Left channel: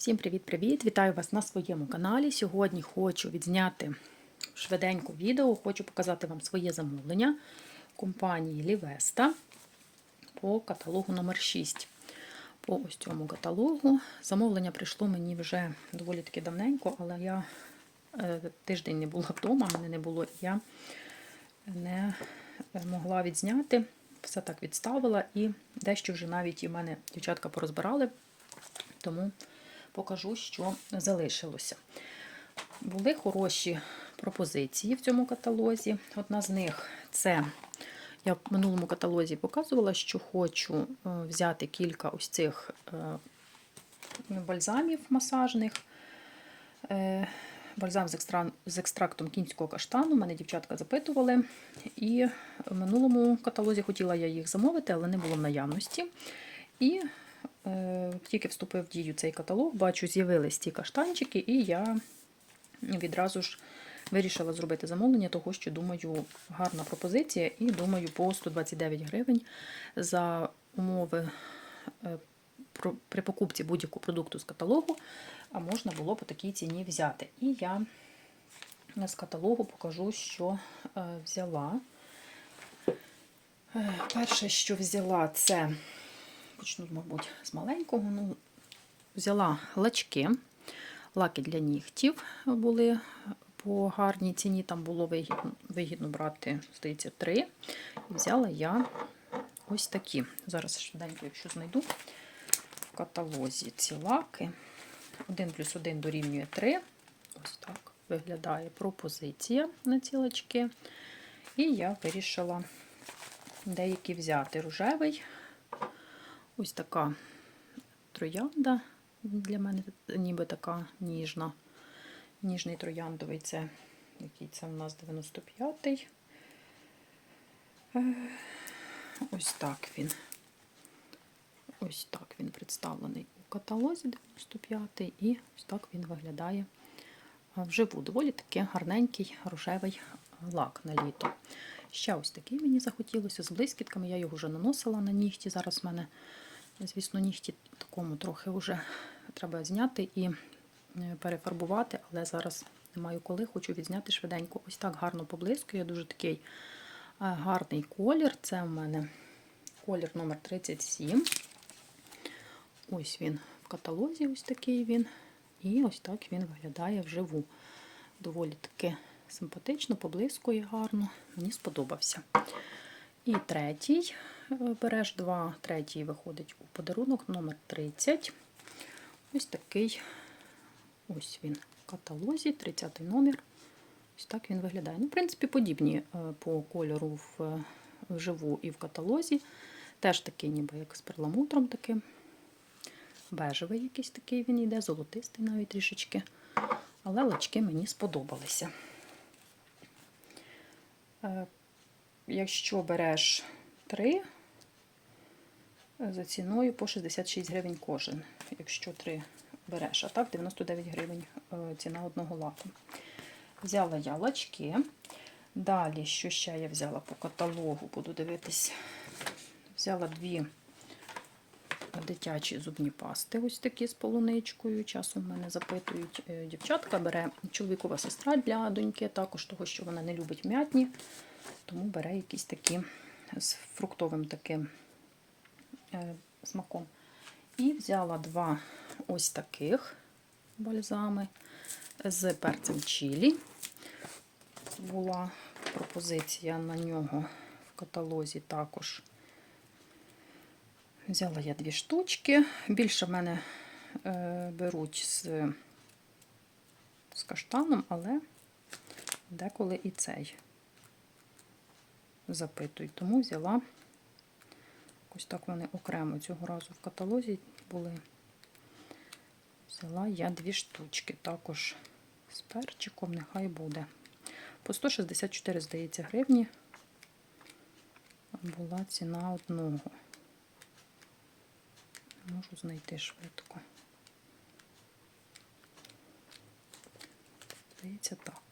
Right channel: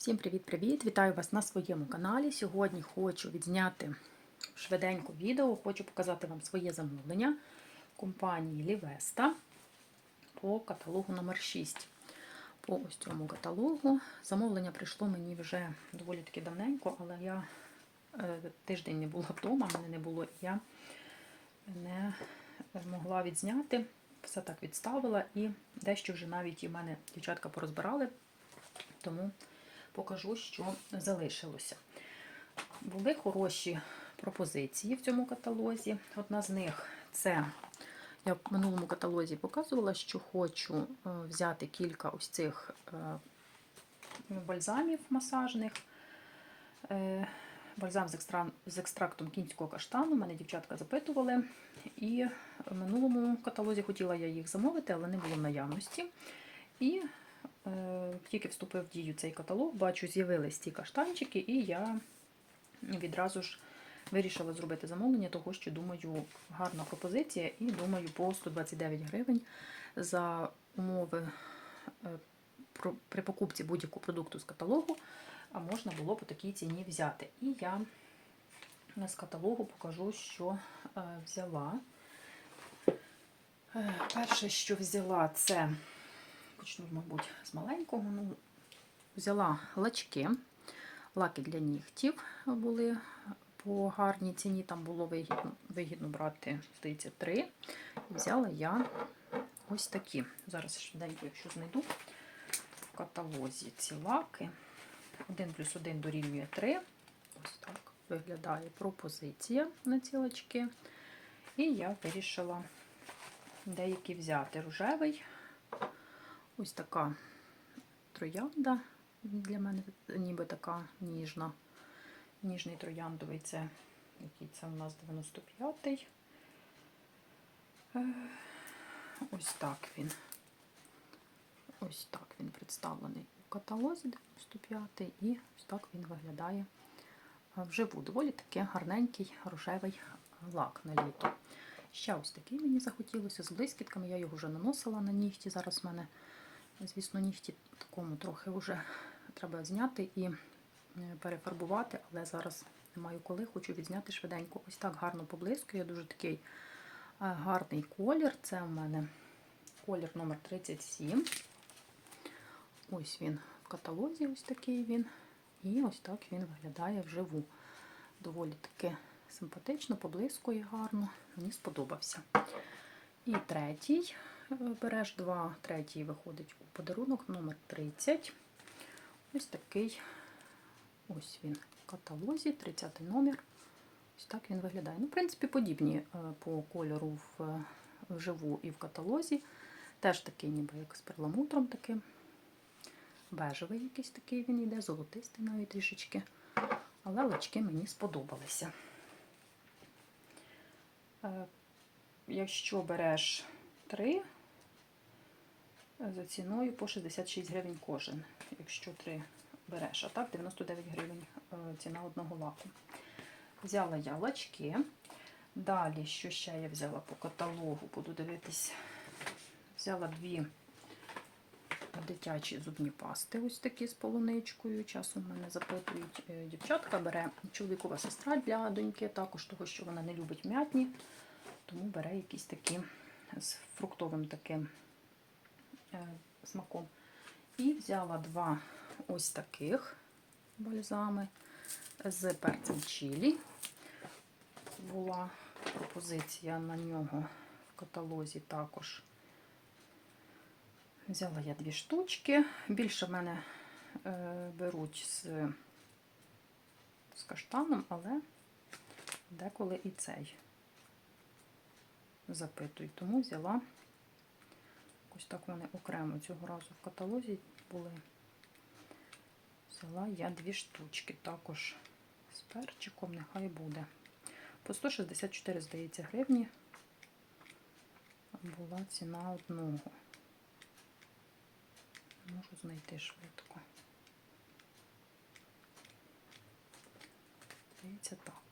Всім привіт-привіт! Вітаю вас на своєму каналі. Сьогодні хочу відзняти швиденько відео, хочу показати вам своє замовлення компанії Лівеста по каталогу номер 6 По ось цьому каталогу. Замовлення прийшло мені вже доволі таки давненько, але я е, тиждень не була вдома, мене не було, і я не могла відзняти. Все так відставила і дещо вже навіть і мене дівчатка порозбирали. Тому покажу, що залишилося. Були хороші пропозиції в цьому каталозі. Одна з них це я в минулому каталозі показувала, що хочу взяти кілька ось цих е, бальзамів масажних. Е, бальзам з, екстрактом кінського каштану. Мене дівчатка запитували. І в минулому каталозі хотіла я їх замовити, але не було в наявності. І Е, тільки вступив в дію цей каталог, бачу, з'явились ті каштанчики, і я відразу ж вирішила зробити замовлення, того що, думаю, гарна пропозиція, і думаю, по 129 гривень за умови е, при покупці будь-якого продукту з каталогу, а можна було по такій ціні взяти. І я з каталогу покажу, що е, взяла. Перше, що взяла, це почну, мабуть, з маленького. Ну, Взяла лачки, лаки для нігтів були по гарній ціні, там було вигідно, вигідно брати, здається, три. І взяла я ось такі. Зараз швиденько, якщо знайду в каталозі ці лаки. 1 плюс 1 дорівнює 3. Ось так виглядає пропозиція на ці лачки. І я вирішила деякі взяти рожевий. Ось така троянда для мене ніби така ніжна. Ніжний трояндовий це який це у нас 95-й. Е, ось так він. Ось так він представлений у каталозі 95-й, і ось так він виглядає вживу. Доволі таки гарненький рожевий лак на літо. Ще ось такий мені захотілося з блискітками. Я його вже наносила на нігті. Зараз в мене Звісно, нігті такому трохи вже треба зняти і е, перефарбувати, але зараз не маю коли, хочу відзняти швиденько. Ось так гарно поблискує, дуже такий е, гарний колір. Це в мене колір номер 37 Ось він в каталозі, ось такий він. І ось так він виглядає вживу. Доволі таки симпатично, поблискує гарно, мені сподобався. І третій береш два, третій виходить у подарунок номер 30 Ось такий ось він в каталозі, 30 номер. Ось так він виглядає. Ну, В принципі, подібні е, по кольору в вживу і в каталозі. Теж такий, ніби як з перламутром таким. Бежевий якийсь такий він йде, золотистий навіть трішечки. Але лачки мені сподобалися. Е, якщо береш три, за ціною по 66 гривень кожен, якщо три береш. А так 99 гривень е, ціна одного лаку. Взяла я лачки. Далі, що ще я взяла по каталогу, буду дивитись, взяла дві дитячі зубні пасти, ось такі з полуничкою. Часом мене запитують, е, дівчатка бере чоловікова сестра для доньки, також того, що вона не любить м'ятні, тому бере якісь такі з фруктовим таким смаком. І взяла два ось таких бальзами з перцем чилі. Була пропозиція на нього в каталозі також. Взяла я дві штучки. Більше в мене е, беруть з, з каштаном, але деколи і цей запитують, тому взяла. Ось так вони окремо цього разу в каталозі були. Взяла я дві штучки, також з перчиком, нехай буде. По 164, здається, гривні була ціна одного. Можу знайти швидко. Здається, так.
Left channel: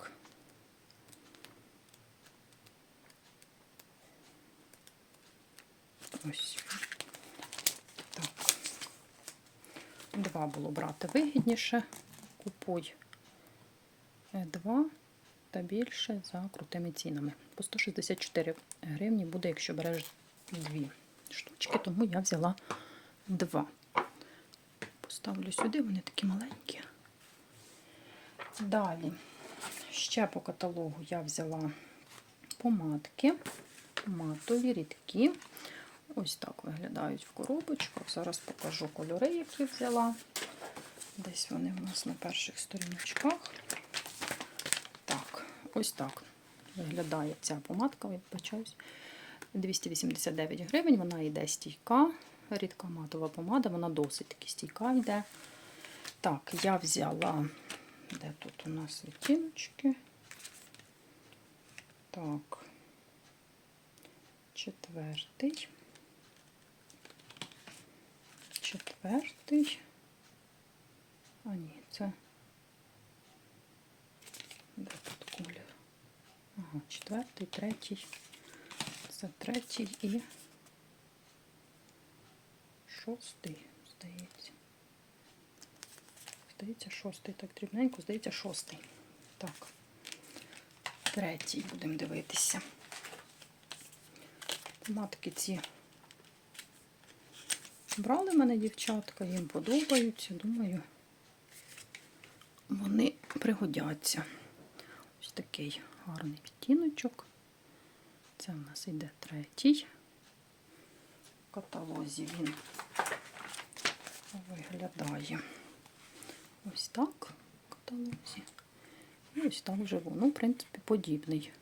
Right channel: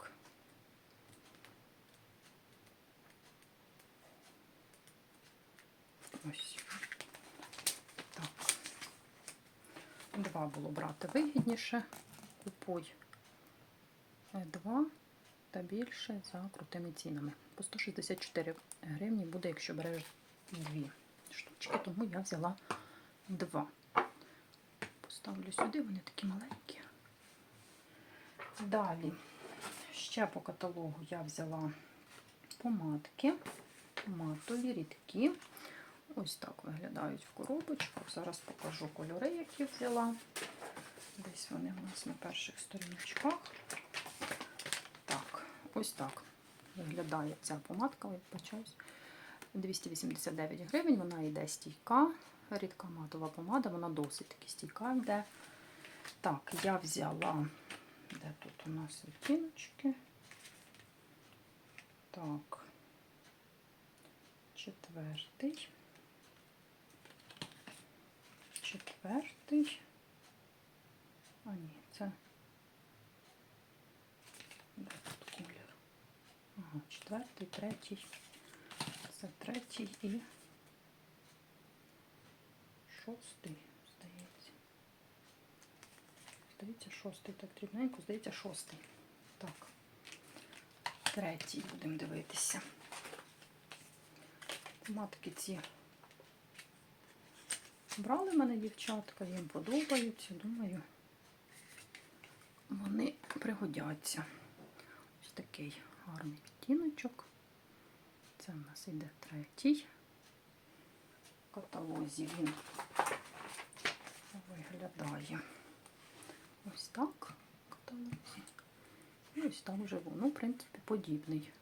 Ось. Так. Два було брати вигідніше. Купуй е, два та більше за крутими цінами. По 164 гривні буде, якщо береш дві штучки, тому я взяла два. Поставлю сюди, вони такі маленькі. Далі, ще по каталогу я взяла помадки, матові, рідкі. Ось так виглядають в коробочках. Зараз покажу кольори, які взяла. Десь вони у нас на перших сторіночках. Так, ось так виглядає ця помадка, вибачаюсь. 289 гривень, вона йде стійка. Рідка матова помада, вона досить таки стійка йде. Так, я взяла, де тут у нас відтіночки? Так, четвертий. Четвертий. А ні, це. Де тут колір? Ага, четвертий, третій. Це третій і шостий, здається. Здається, шостий. Так, дрібненько, здається, шостий. Так. Третій будемо дивитися. Матки ці брали мене дівчатка, їм подобаються, думаю, вони пригодяться. Ось такий гарний відтіночок. Це в нас йде третій. В каталозі він виглядає ось так в каталозі. І ось так живу. Ну, в принципі, подібний.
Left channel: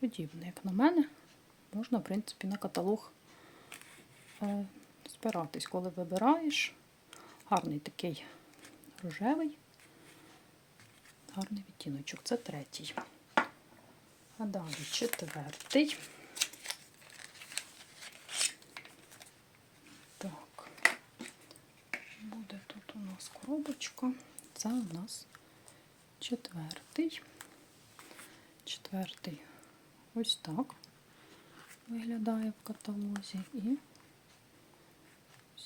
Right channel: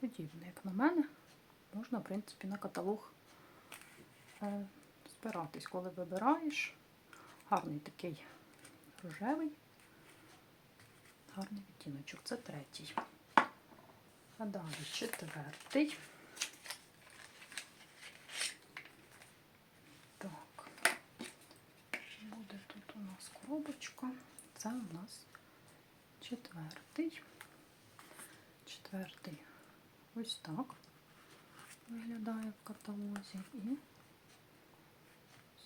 Подібний, як на мене, можна, в принципі, на каталог е, коли вибираєш. Гарний такий рожевий, гарний відтіночок. Це третій. А далі четвертий. Так, буде тут у нас коробочка. Це у нас четвертий. Четвертий ось так виглядає в каталозі. І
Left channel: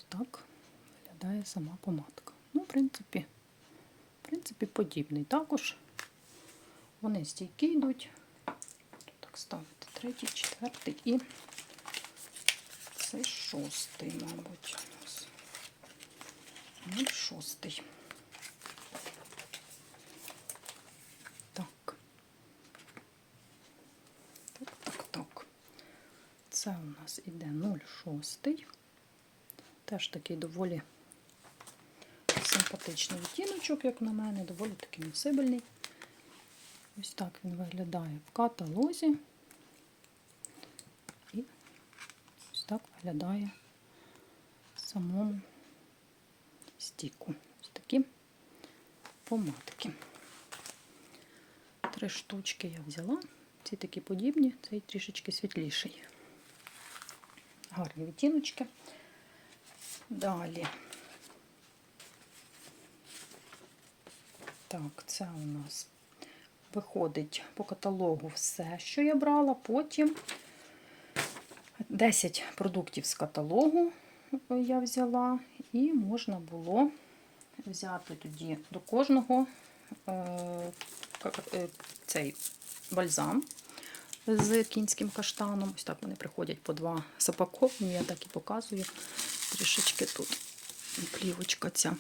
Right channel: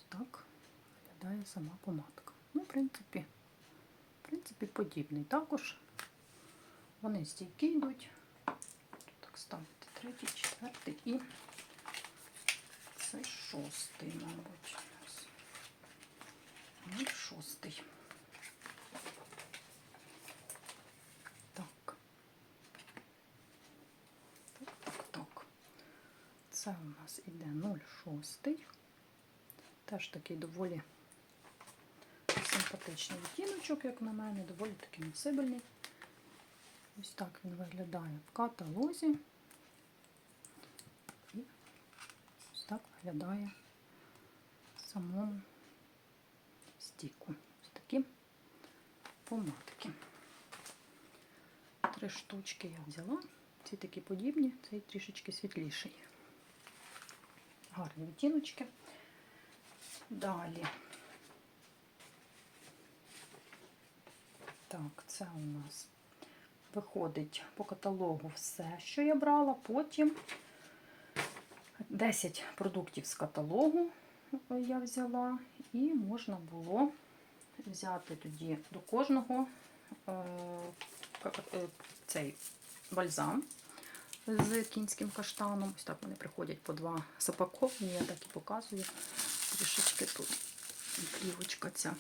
так виглядає сама помадка. Ну, в принципі, в принципі, подібний. Також вони стійкі йдуть. Так, ставити третій, четвертий і це шостий, мабуть. Ну, шостий. Так. Так, так, так. Це у нас іде 0,6. Теж такий доволі симпатичний відтіночок, як на мене, доволі такий носибельний. Ось так він виглядає в каталозі. І ось так виглядає в самому стіку. Ось такі помадки. Три штучки я взяла. Ці такі подібні, цей трішечки світліший. Гарні відтіночки. Далі. Так, це у нас виходить по каталогу все, що я брала. Потім 10 продуктів з каталогу я взяла, і можна було взяти тоді до кожного е, цей бальзам з кінським каштаном. Ось так вони приходять по два запаковані, я так і показую. Трішечки тут плівочка ця.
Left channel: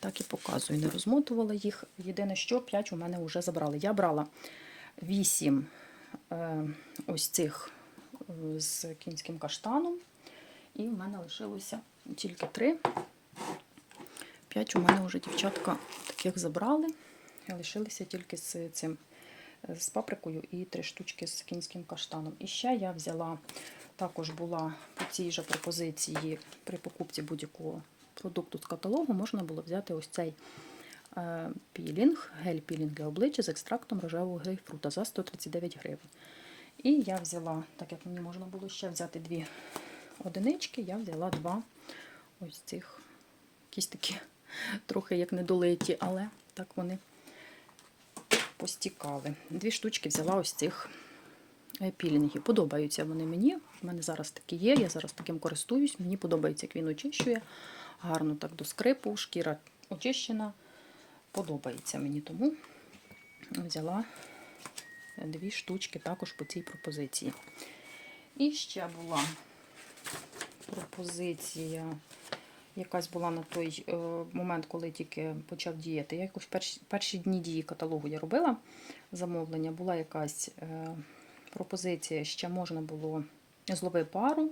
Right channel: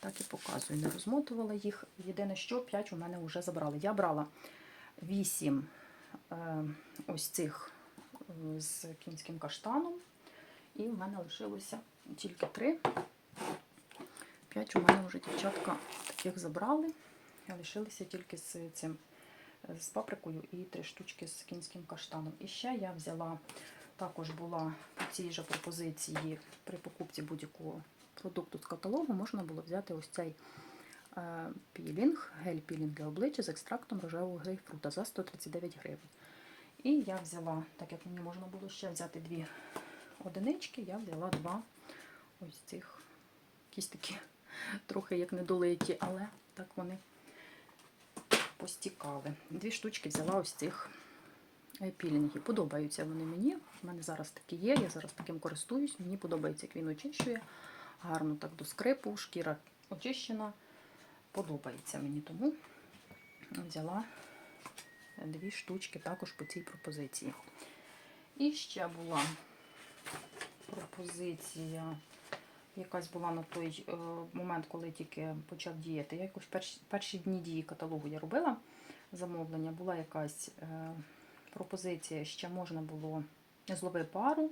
Так і показую, не розмотувала їх. Єдине, що 5 у мене вже забрали. Я брала 8 е, ось цих е, з кінським каштаном, і в мене лишилося тільки 3. 5 у мене вже дівчатка таких забрали. Лишилися тільки з цим з паприкою і 3 штучки з кінським каштаном. І ще я взяла, також була по цій же пропозиції при покупці будь-якого продукту з каталогу можна було взяти ось цей е, пілінг, гель-пілінг для обличчя з екстрактом рожевого грейпфрута за 139 гривень. І я взяла, так як мені можна було ще взяти дві одинички, я взяла два ось цих якісь такі трохи як недолиті, але так вони постікали. Дві штучки взяла ось цих е, пілінгів. Подобаються вони мені. У мене зараз такі є, я зараз таким користуюсь. Мені подобається, як він очищує гарно так до скрипу, шкіра очищена. Подобається мені, тому взяла дві штучки також по цій пропозиції. І ще була пропозиція, якась була на той е, момент, коли тільки почав діяти. Я якось перші, перші дні дії каталогу я робила замовлення, була якась е, пропозиція, ще можна було злови пару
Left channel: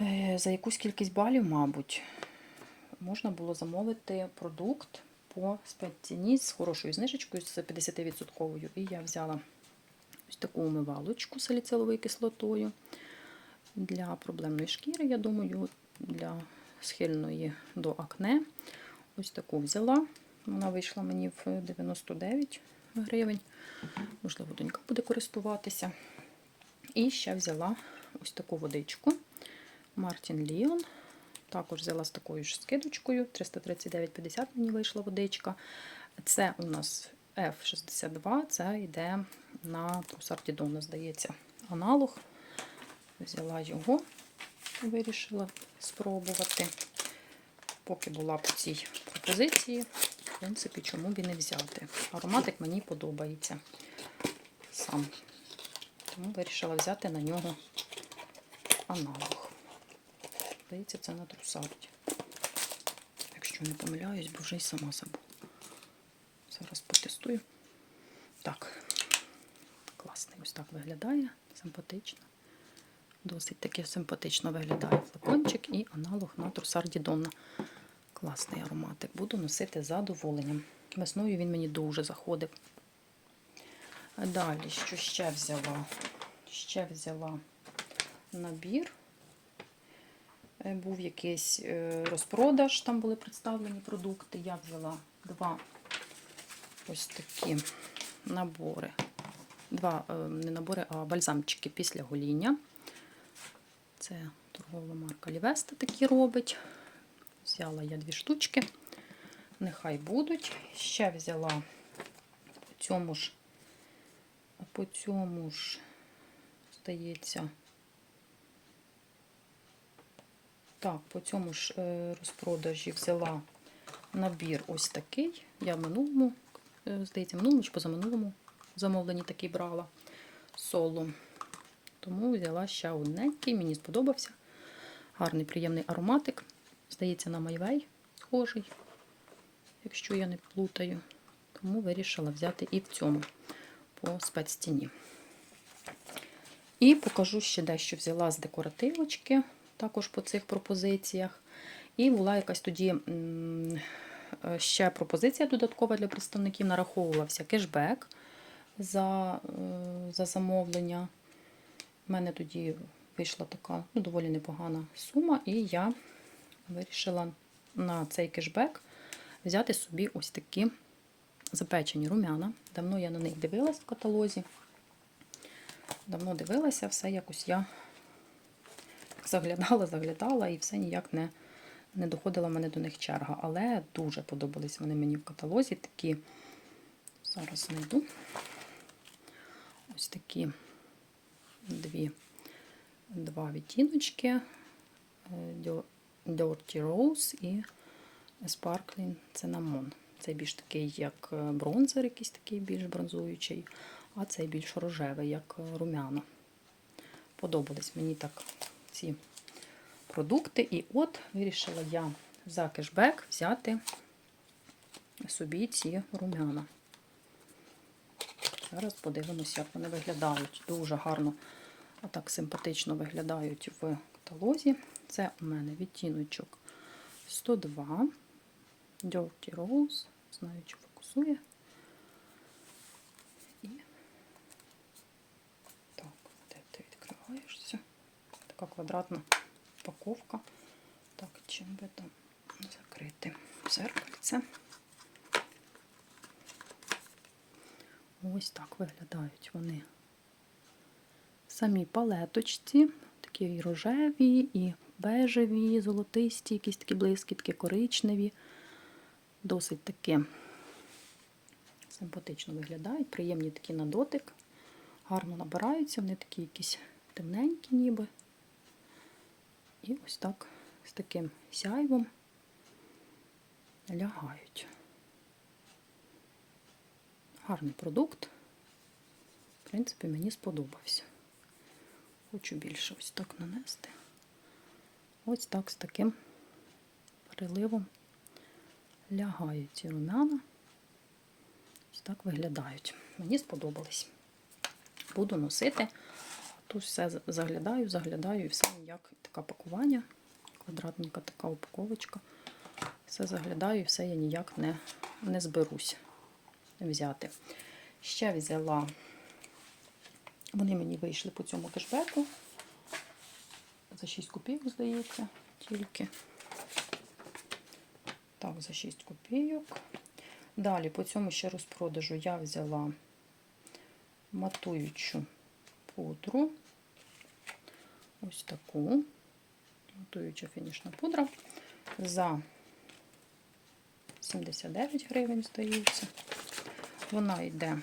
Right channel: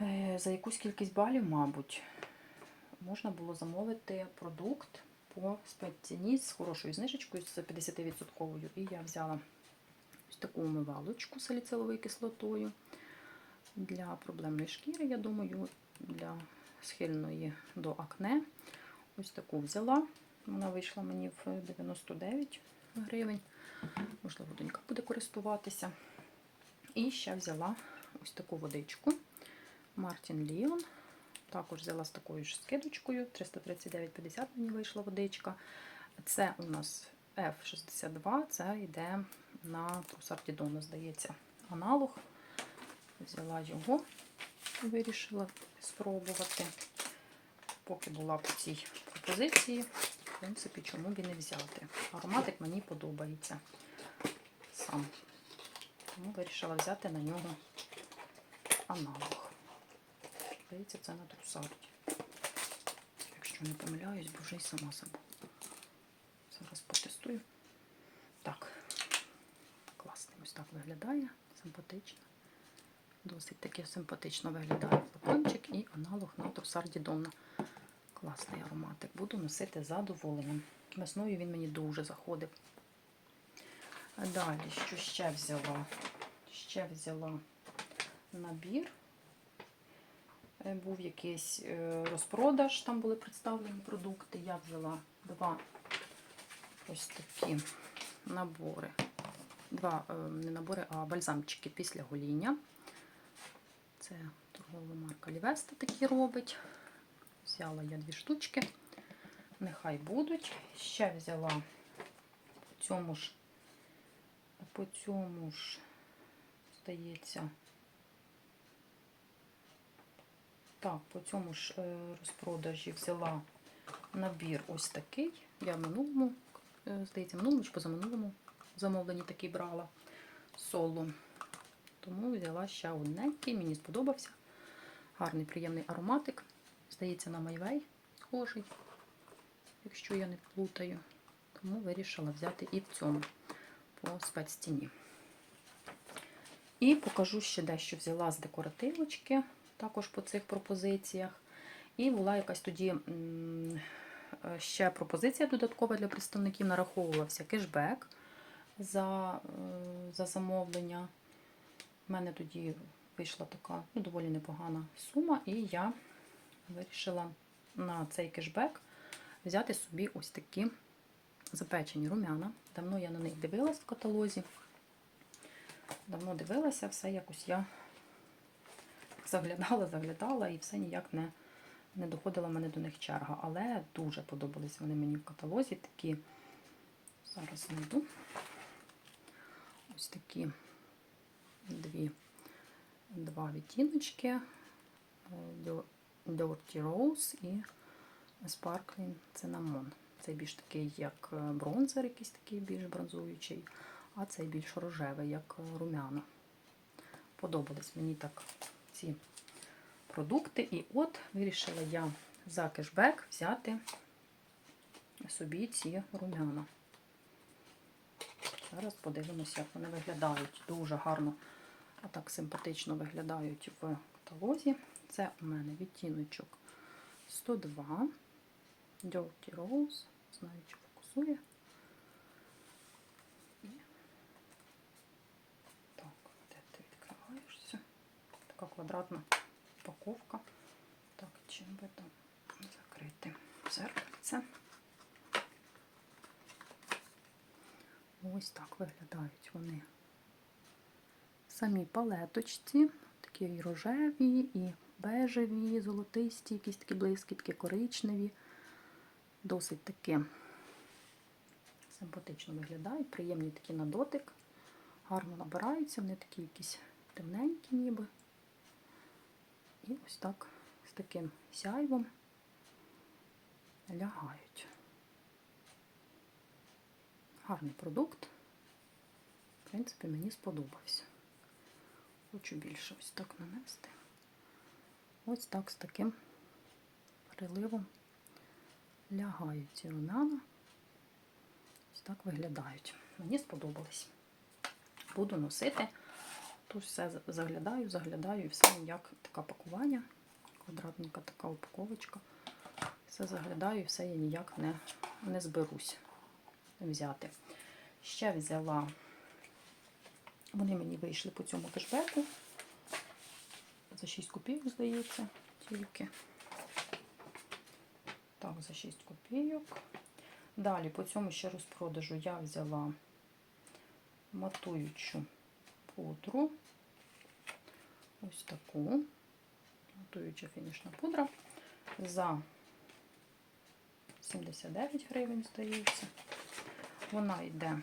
е, за якусь кількість балів, мабуть, можна було замовити продукт по спецціні з хорошою знижечкою, з 50%. І я взяла ось таку умивалочку з саліциловою кислотою для проблемної шкіри, я думаю, для схильної до акне. Ось таку взяла. Вона вийшла мені в 99 гривень. Можливо, донька буде користуватися. І ще взяла ось таку водичку. Мартін Ліон. Також взяла з такою ж скидочкою. 339,50 мені вийшла водичка. Це у нас F62, це йде на трусартідону, здається, аналог. Взяла його, вирішила спробувати. Поки була по цій пропозиції, в принципі, чому б і не взяти. Ароматик мені подобається сам. Тому вирішила взяти на нього аналог. Здається, це на трусарді. Якщо не помиляюсь, бо вже й сама забула. Зараз потестую. Так, класний ось так виглядає, симпатично. Досить таки симпатично виглядає флакончик і аналог на трусарді Донна. Класний ароматик. Буду носити з задоволенням. Весною він мені дуже заходив. Далі, що ще взяла? Ще взяла набір. Е, Був якийсь е, розпродаж, там були представлені продукти. Я взяла два ось такі набори. Два е, не набори, а бальзамчики після гоління. Це торгова марка Лівеста такі робить. Взяла я дві штучки. Нехай будуть. Ще взяла по цьому ж, по цьому ж, здається, так, по цьому ж е, розпродажі взяла набір ось такий. Я в минулому, е, здається, в минулому чи позаминулому замовленні такий брала соло. Тому взяла ще одненький, мені сподобався. Гарний, приємний ароматик. Здається, на майвей схожий, якщо я не плутаю. Тому вирішила взяти і в цьому по спецціні. І покажу ще дещо взяла з декоративочки, також по цих пропозиціях. І була якась тоді е, ще пропозиція додаткова для представників, нараховувався кешбек за, е, за замовлення. У мене тоді вийшла така ну, доволі непогана сума, і я вирішила на цей кешбек взяти собі ось такі запечені рум'яна. Давно я на них дивилась в каталозі. Давно дивилася, все якось я заглядала, заглядала, і все ніяк не, не доходила мене до них черга. Але дуже подобались вони мені в каталозі. Такі, зараз знайду ось такі дві, два відтіночки. Dirty Rose і Sparkling Cinnamon. Цей більш такий, як е, бронзер, якийсь такий більш бронзуючий, а цей більш рожевий, як е, румяна. Подобались мені так ці продукти. І от вирішила я за кешбек взяти собі ці румяна. Зараз подивимося, як вони виглядають. Дуже гарно, а так симпатично виглядають в каталозі. Це у мене відтіночок 102 Dirty Rose. Знаю, чи фокусує. І так, де ти відкриваєшся? Така квадратна упаковка. Так, чим би там закрити зеркальце. Ось так виглядають вони. Самі палеточці, такі і рожеві, і бежеві, золотисті, якісь такі блискітки, коричневі. Досить таки симпатично виглядають, приємні такі на дотик, гарно набираються, вони такі якісь темненькі ніби. І ось так з таким сяйвом лягають. Гарний продукт. В принципі, мені сподобався. Хочу більше ось так нанести. Ось так з таким приливом лягають ці румяна. Ось так виглядають. Мені сподобались. Буду носити. Тут все заглядаю, заглядаю і все як таке пакування. Квадратненька така упаковочка. Все заглядаю і все я ніяк не, не зберусь взяти. Ще взяла, вони мені вийшли по цьому кешбеку. За 6 копійок, здається, тільки. Так, за 6 копійок. Далі по цьому ще розпродажу я взяла матуючу пудру. Ось таку. Матуюча фінішна пудра. За 79 гривень, здається. Вона йде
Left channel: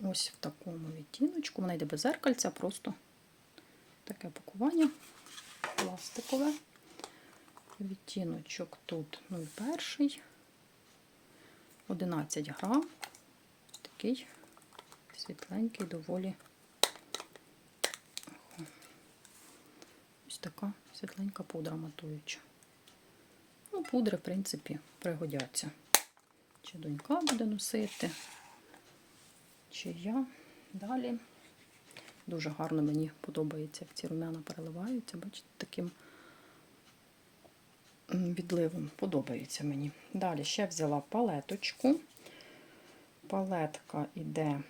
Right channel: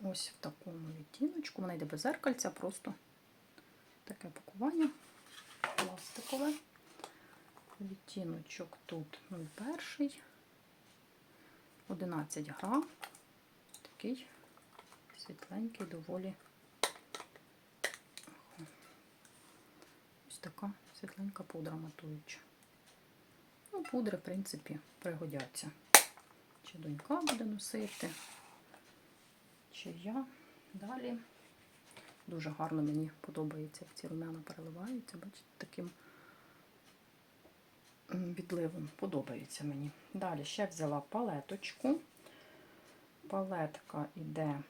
ось в такому відтіночку. Вона йде без зеркальця, просто таке пакування пластикове. Відтіночок тут 01, 11 грам. Такий світленький, доволі. Ось така світленька пудра матуюча. Ну, пудри, в принципі, пригодяться. Чи донька буде носити, чи я. Далі. Дуже гарно мені подобається, як ці румяна переливаються. Бачите, таким відливом подобається мені. Далі ще взяла палеточку. Палетка йде,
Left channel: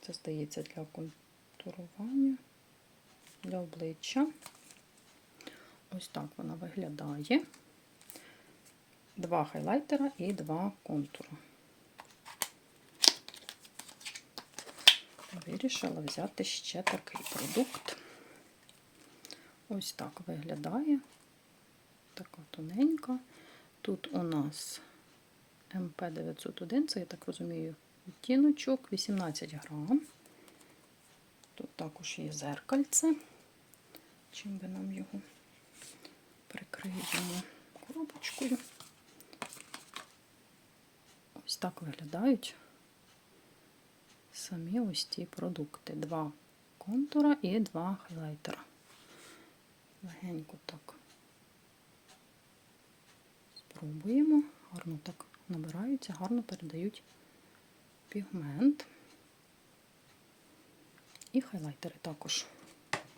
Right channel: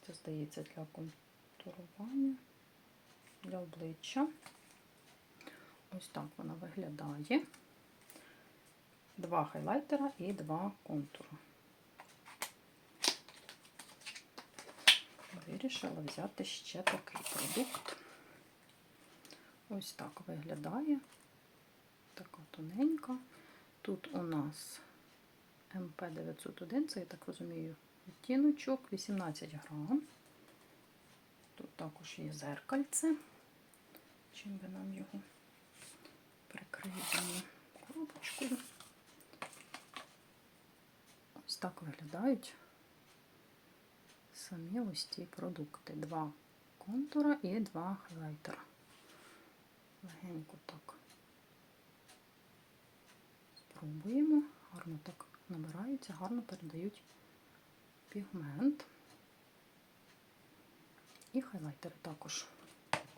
це здається, для контурування, для обличчя. Ось так вона виглядає. Два хайлайтера і два контури. Вирішила взяти ще такий продукт. Ось так виглядає. Така тоненька. Тут у нас МП901, це, я так розумію, відтіночок, 18 грам. Тут також є зеркальце. Чим би нам його прикриємо коробочкою. Ось так виглядають самі ось ці продукти. Два контура і два хайлайтера. Легенько так спробуємо. Гарно так набираються, гарно передають пігмент. І хайлайтери також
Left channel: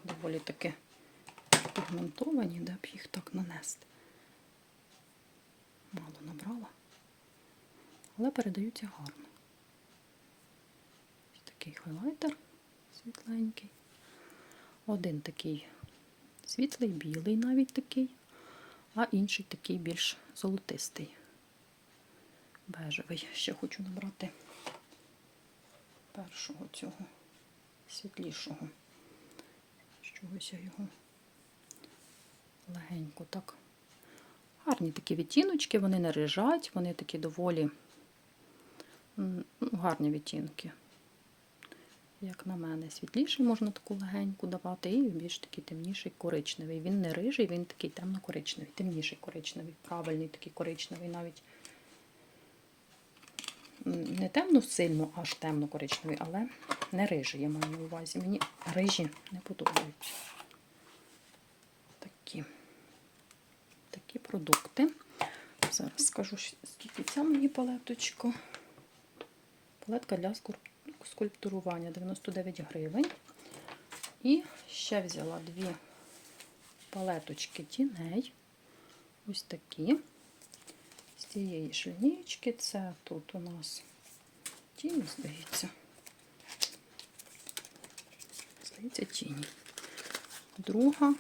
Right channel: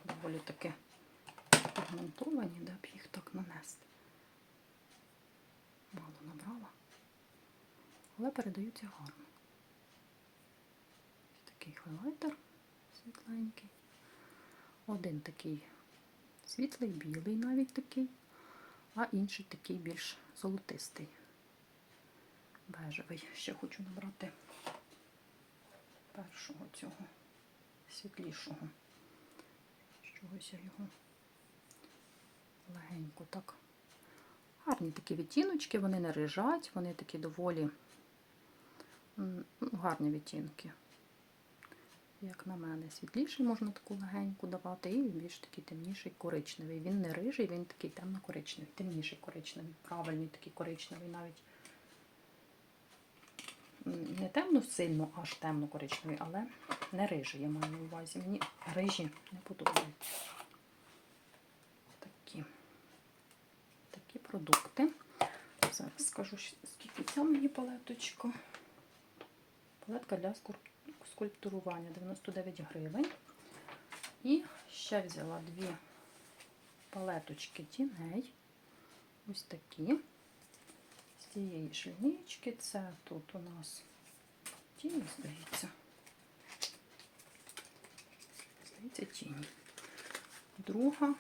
доволі таки пігментовані, де б їх так нанести. Мало набрала, але передаються гарно. Такий хайлайтер світленький. Один такий світлий, білий навіть такий, а інший такий більш золотистий. Бежевий. Ще хочу набрати першого цього світлішого. Чогось я його легенько так. Гарні такі відтіночки, вони не рижать, вони такі доволі ну, гарні відтінки. Як на мене, світліший можна таку легеньку давати, і більш такий темніший коричневий. Він не рижий, він такий темно-коричневий, темніший коричневий, правильний такий коричневий, навіть не темно сильно, аж темно-коричневий, але не рижий, я маю на увазі. Мені рижі не подобаються. Такі такі продукти. Зараз скажу, скільки ця мені палеточка. Палетка для скульптурування 99 гривень. І ще взяла дві палеточки тіней. Ось такі. З цієї ж лінійки. Це тут у нас тіні, здається. Здається, тіні. Друга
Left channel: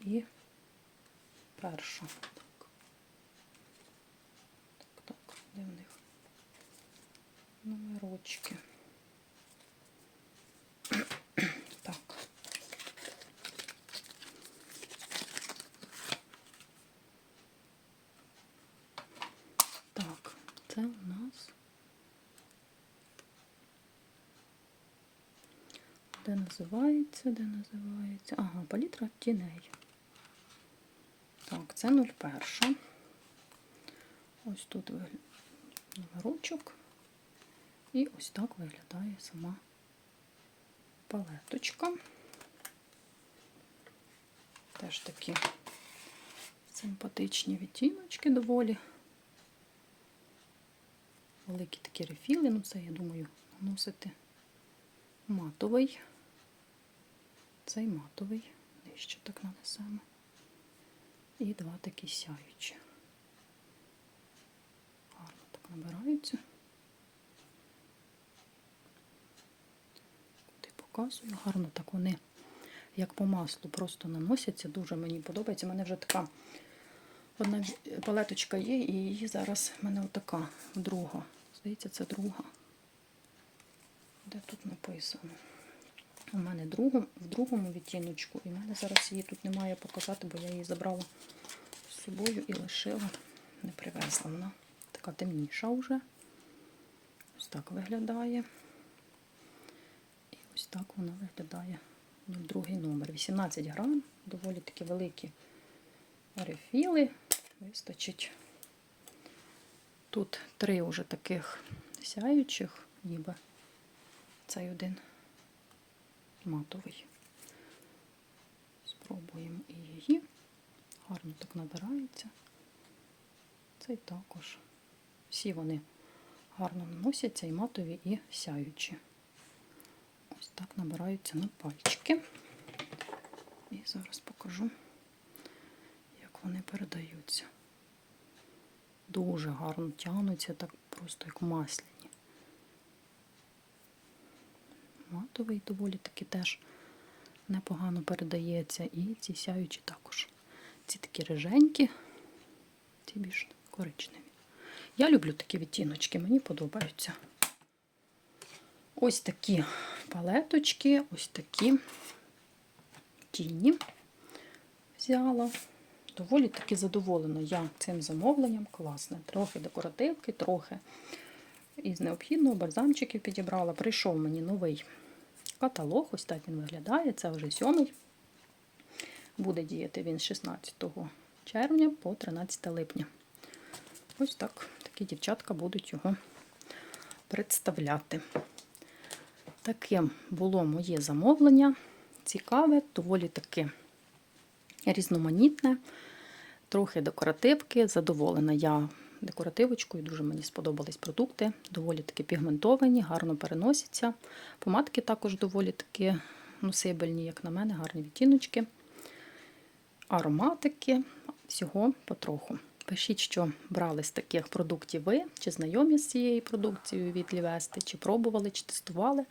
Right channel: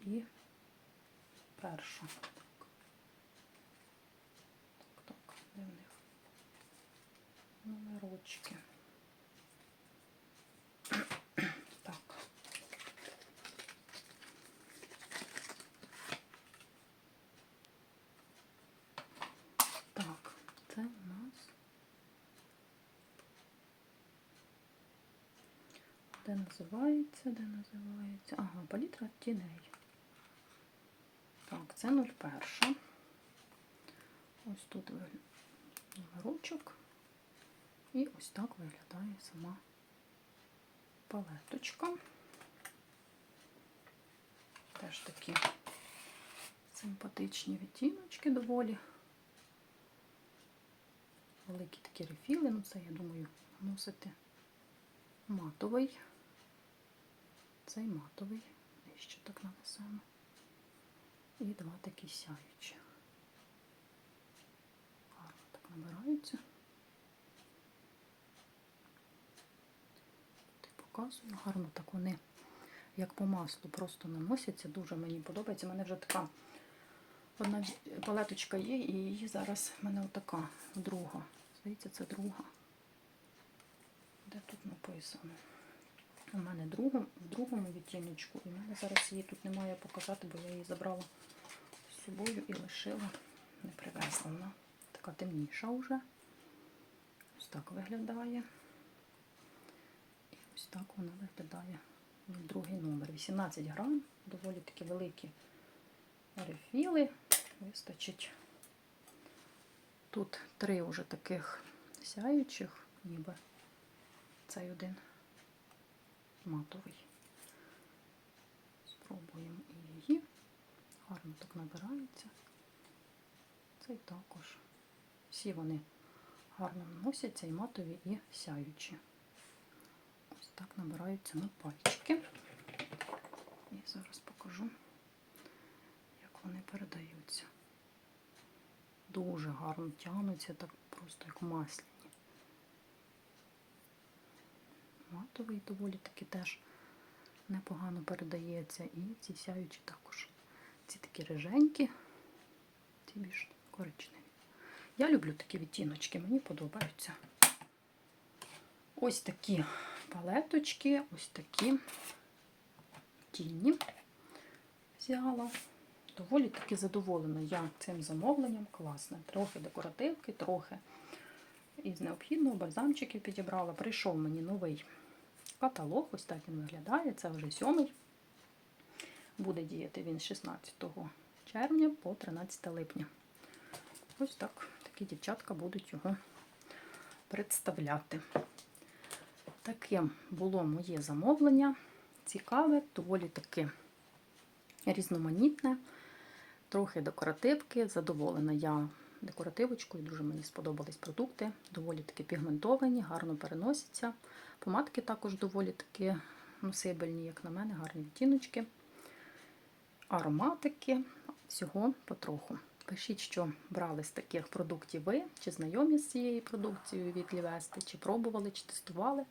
і перша. Так, так, так, де в них номерочки? Так. Так, це у нас де називається, де називається. Ага, палітра тіней. Так, це 01. Ось тут номерочок. І ось так виглядає сама палеточка. Теж такі симпатичні відтіночки доволі. Великі такі рефіли, ну це, я думаю, наносити матовий. Цей матовий, нижче так нанесемо. І два такі сяючі. Гарно так набираються. Показую, гарно так вони, як по маслу, просто наносяться. Дуже мені подобається. У мене вже така одна палеточка є, і її зараз в мене отака друга. Здається, це друга. Де тут написано? У мене другом, в другому відтіночку, і в мене зараз її тут немає показати, бо я її забрала з собою і лишила, не привезла. Вона така темніша вже. Ось так виглядає. Ось так вона виглядає. Другий номер. 18 грам, доволі такі великі рефіли. Вистачить. Тут три вже таких сяючих, ніби цей один матовий. Спробуємо і її. Гарно так набирається. Цей також. Всі вони гарно наносяться і матові, і сяючі. Так набираються на пальчики. І зараз покажу, як вони передаються. Дуже гарно тягнуться, так просто як масляні. Матовий доволі таки теж непогано передається. І ці сяючі також. Ці такі риженькі, ці більш коричневі. Я люблю такі відтіночки, мені подобаються. Ось такі палеточки, ось такі тіні взяла. Доволі таки задоволена я цим замовленням. Класне. Трохи декоративки, трохи із необхідного бальзамчиків підібрала. Прийшов мені новий каталог. Ось так він виглядає. Це вже сьомий. Буде діяти він з 16 червня по 13 липня. Ось так такі дівчатка будуть його представляти. Таким було моє замовлення. Цікаве, доволі таки різноманітне, трохи декоративки. Задоволена я декоративочкою, дуже мені сподобались продукти. Доволі таки пігментовані, гарно переносяться. Помадки також доволі таки носибельні, як на мене, гарні відтіночки. Ароматики, всього потроху. Пишіть, що брали з таких продуктів ви, чи знайомі з цією продукцією від Лівести, чи пробували, чи тестували.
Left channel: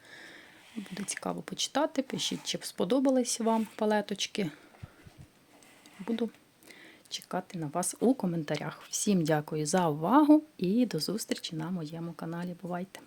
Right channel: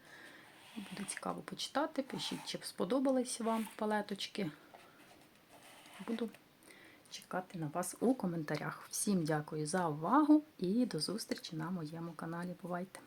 Буде цікаво почитати. Пишіть, чи сподобались вам палеточки. Буду чекати на вас у коментарях. Всім дякую за увагу і до зустрічі на моєму каналі. Бувайте!